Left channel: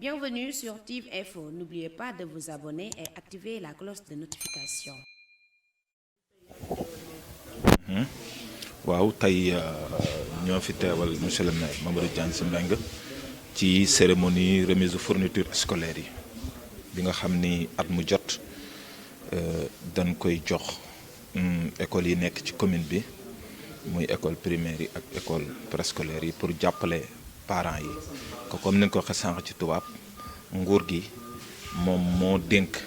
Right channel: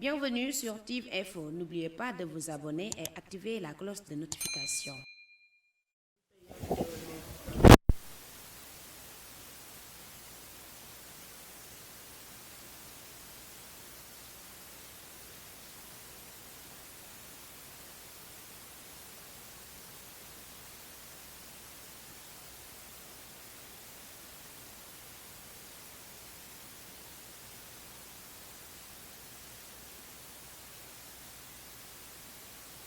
Bienvenue sur TIV Info. N'oubliez pas de vous abonner et activer la cloche de notification. waaw tey ñoo fi teewal monsieur le maire Mamadou Diagne Sy Mbengue ci cérémonie remise de fourniture scolaire yi bi nga xam ni at mu jot dañ koy jox école yi nekk ci commune bi muy école primaire yi ak école préscolaire yi pour jàppale parents yi ko comme ni nga ko waxee sànq ci tubaab nguur gi moom moo dénk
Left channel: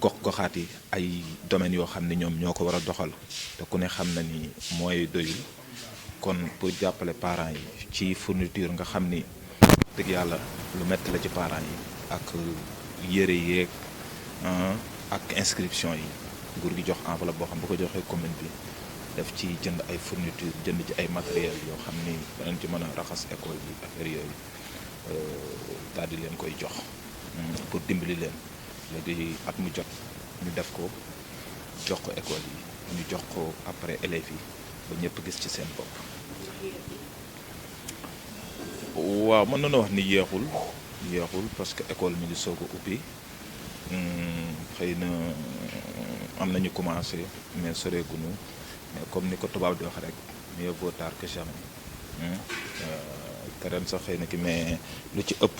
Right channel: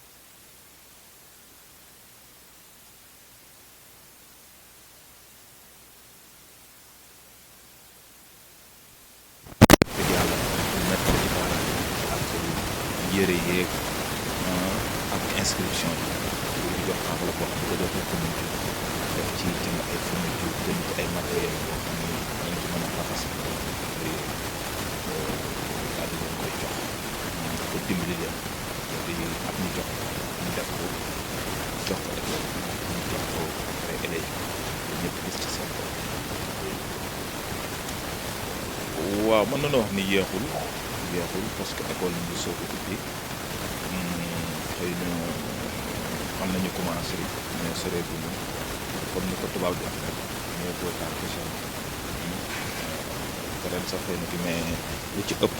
gox-goxaat yi ay domaines yoo xam ne ñoom ñoo ko war a doxal te ku ne xam na ni mooy doyul kon pour jàppale parents yi ci fourniture nga xam ni dëgg yàlla lu métti la ci parents yi ak yére yeeg ak inscription yi nguur gi jox enveloppe boo xam bu ko joxee commune bi def ci jënd ay fourniture jënd ci ay matériel yoo xam ni danañ ci mën a raxas école bi affaire yooyu daal di leen koy jox pour dimbali leen léegi at mu jot ñu def ko jox ko école bi ñu jox ko après élèves yi ba ñëpp gis ci seen bopp. waaw mën nañoo wax ni yeexul parce que école mi ngi soog a ubbi xëy na am nañu commencé mais soreeguñu mais comme ni ko tubaab di wax rek mieux vaut tard que jamais te ren sax xëy na ki mais lu ci ëpp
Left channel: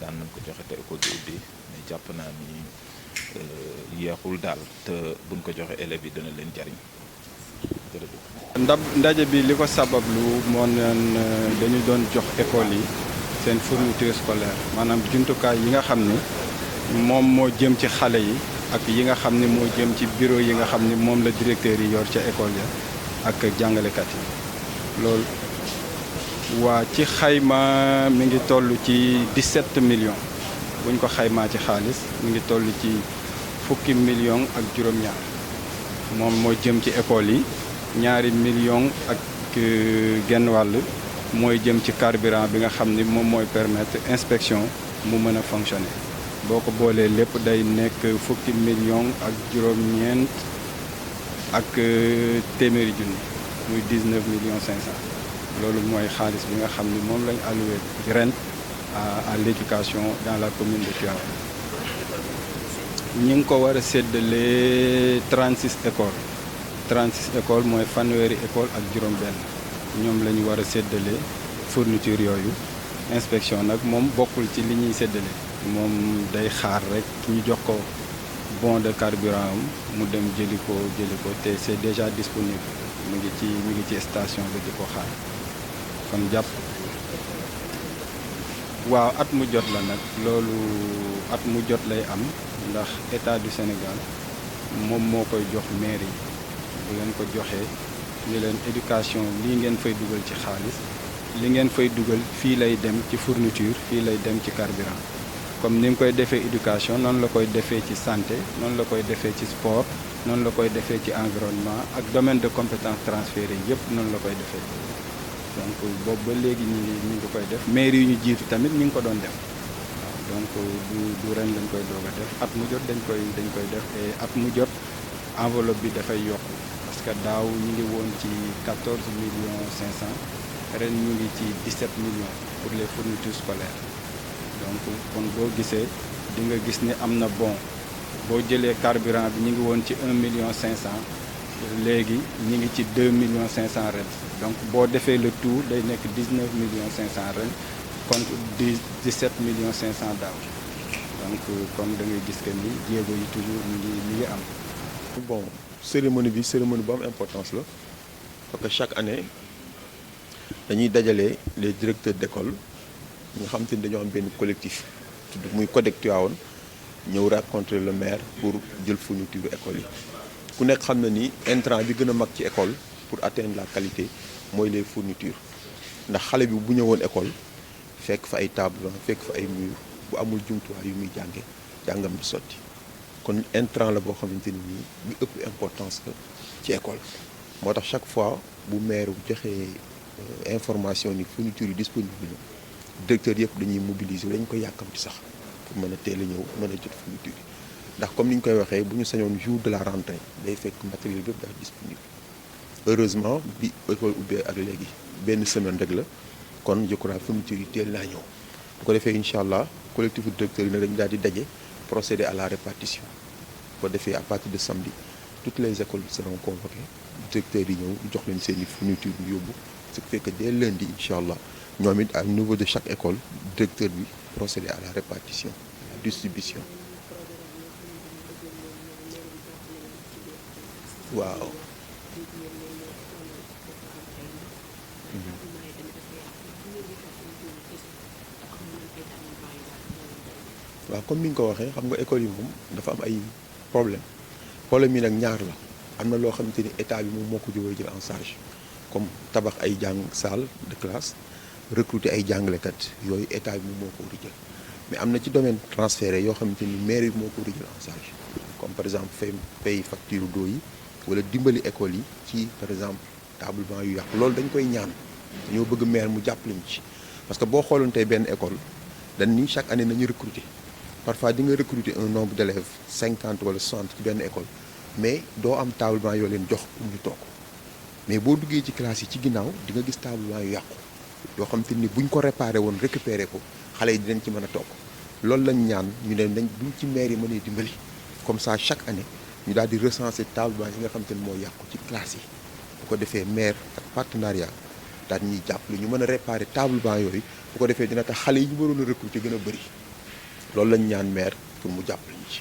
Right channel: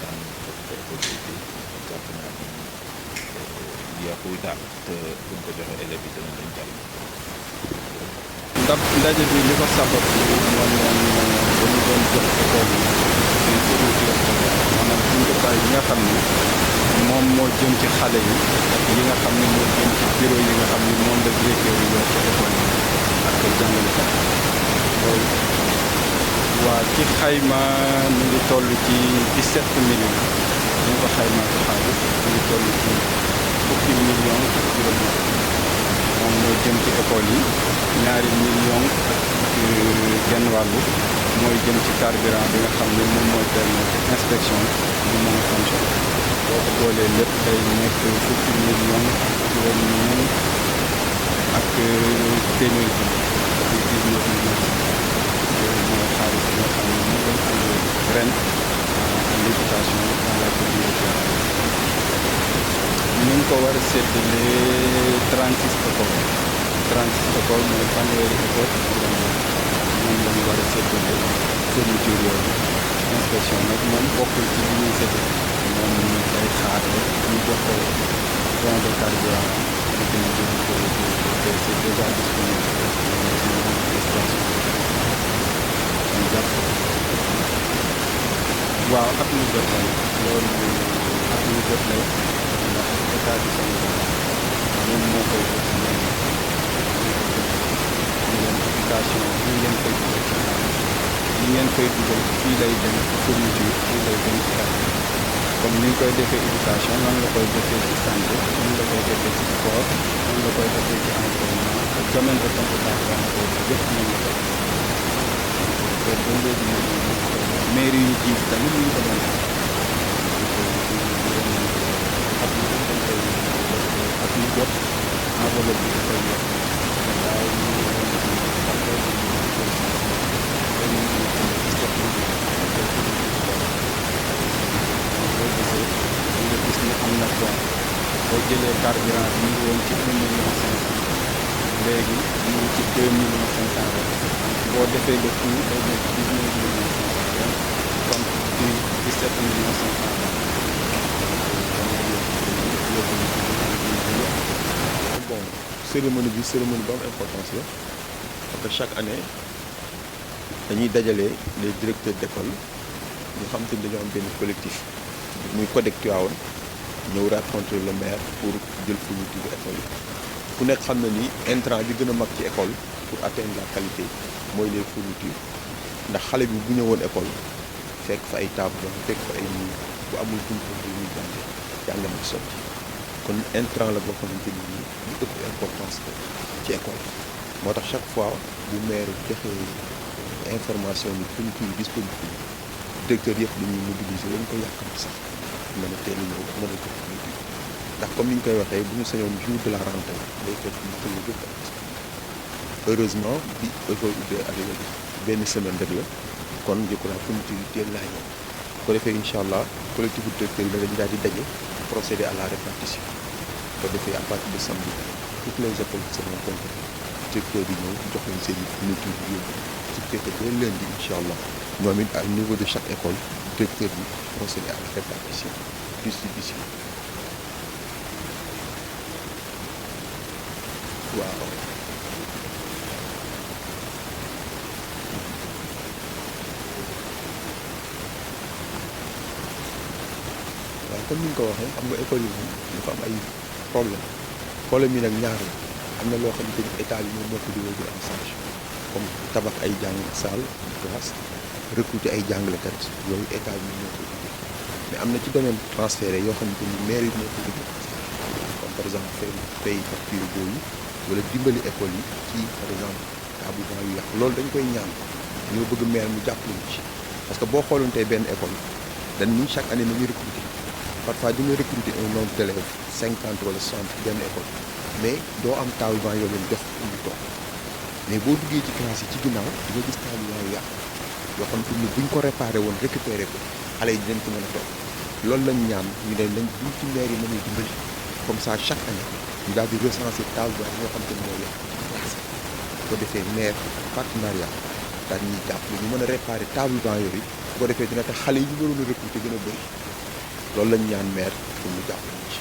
daan nañ ko joxe te école bi ubbi mais jàpp naa ni yeexul daal te buñ ko joxe élèves yi dana leen jariñ. ndaje bi li ko sabablu moo neen dañu doon jox école yi seen fourniture scolaire maanaam jumtukaay yi nga xam ni moom moo jëm ci xale yi ak yi nga xam ni moo jëm ci bureau yi nga xam ni moom la directeur yi yor ca école yi ak jàngalekat yi loolu waa ci xayma mi ngi toll ci 17 millions buñ ko xaymaa ci xaalis mi ngi toll ci fukki millions ak juróom-ñaar moom moo jëm ci école yi 2 millions ak genn wàll mooy jëm ci carburant bi nga xam ni moom mooy permettre inspection mu mën a fonctionner boo ko boolee lépp day nekk fukki millions ak juróom-ñeent ak téeméeri junni muy 19 millions 500 loolu mooy xaalis bi nga xam ni moom lañ alloué ren à l'éducation dans la commune de Tivaouane ñi ngi ko war a séddale 36 écoles 36 écoles mooy fanweeri école ak juróom-benn ñoom la ñu war a séddale fourniture yooyu inspection nag moom bokkul ci li ñuy séddale moom day xaar rek ñu jox ko bon de carburant am mu dem jëli ko te c'est déjà disponible mu ngi ci station bi di ko xaar kon jàpp waaw at mu jot la nag loolu at mu jot lay am ndax état du Sénégal moom moo koy jox mairie bu leen ko joxee ni leen éducation lii ngeen fay dugal ci xaalis li ngeen fay dugal fii lay dem ci fourniture fii lay dem ci carburant comme ni nga koy defee éducation noonu la koy defee ci santé noonu la koy defee ci sport noonu la koy defee ci environnement ak domaine de compétence transféré yëpp noonu la koy defee donc boobu ba léegi ñu ngi koy def mairie yu ñu jiitu tamit ñu ngi ko doon def donc du ren lañ koy doog a def at mu jot dañ koy def te at mu jot enveloppe bi dafay yokk parce que daaw ñu ngi woon ci 14 millions 500 ren ñu ngi ci 17 millions pour les fournitures scolaires donc boo gisee di nga gis ni am na bon boo jëlee carburant bi ñu ngi woon ci 1 million 500 léegi ñu ngi ci 2 millions 500 ren donc boo defee le tout day nekk 19 millions 500 ren contre 17 millions 500 daaw donc kon da ngay gis que ni jéego yi toujours ñu ngi am. bon cérémonie bu am importance la parce que chaque année dañuy dajale les directeurs d'école ñu xam te ni dañoo am benn collectif muy CODEC Tivaouane ñëw rencontrer le maire pour jël fourniture école yi ku nekk xam na ni intrant bi gën a mag ci école pour atteindre la qualité mooy les fournitures ndax xale bi bu ñëwoon école fekk fa ay table fekk fa ay mur bu amul jumtuwaay yu muy jàngam di sotti kon intrant la boo xamante ni nii bu ëpp importance la ci école moo tax chaque fois bu maire joxee information ni fourniture yi disponible na directeur yëpp dañuy mobiliser dañ ko yàkkamti sax pour mën a teel a ñëw mën a jot fourniture ndax comme ni ñu koy waxee bu ñu sañoon jour de la rentrée day fekk matériel yëpp ay disponible heureusement bi école ubbee ak léegi benn semaine rek la kon je crois fourniture yi teel naa ñëw bu ko ko defee incha allah collectif directeur yi nag dañu daal di daje procéder à la répartition bu ko defee à partir de samedi toutes les écoles seront convoquées directeurs yi ñëw jox leen seen i fourniture yu yóbbu ce qui fait que dès lundi incha allah ñoom it au niveau de chaque école directeur bi procéder à la répartition distribution waaw. waaw comme ni nga ko waxee xam nga école yi moom dafa am ay problème yi nag ñaar la am na loo xamante ni état bi moom moo ko jël en charge comme tabax ay salle de classe recruter ay jàngalekat yooyu état bi moo ko jël mais am na ci domaine transféré yoo xamante ni mairie bi moo ko jël en charge comme par exemple fay facture d'eau yi wala dimbali école yi ci par exemple table banc yu yàqu loolu dañ koy ñaan dañoo bëgg maire mu jàppale ñu ci parce que boo xooloon tey benn école dañ ni chaque année nañu recruter parfois di nga recruter un nombre d'élèves 50 wala 60 ci benn école mais doo am table banc yoo leen jox pour ñu toog mais boo duggee ci classe yi ci ginnaaw di nga gis table banc yu yàqu yoo xam te ni buñ ko réparé woon récupéré ko xale yi dinañ ci mën a toog loolu lañ ñaan ñu ne nañ buñ ci maire yi mënee dimbali comme ça chaque année ñu daal di recenser table banc yi nga xam te ni moo yàqu ci classe yi bu ko defee maire ak partenariat daal ñuy jàppale ñu mën a réparer table banc yooyu bu ko defee dina tax xale yi ñu waroon a recruter gën a bëri loolu lañ ñaan maire pour mu jàppale ñu ci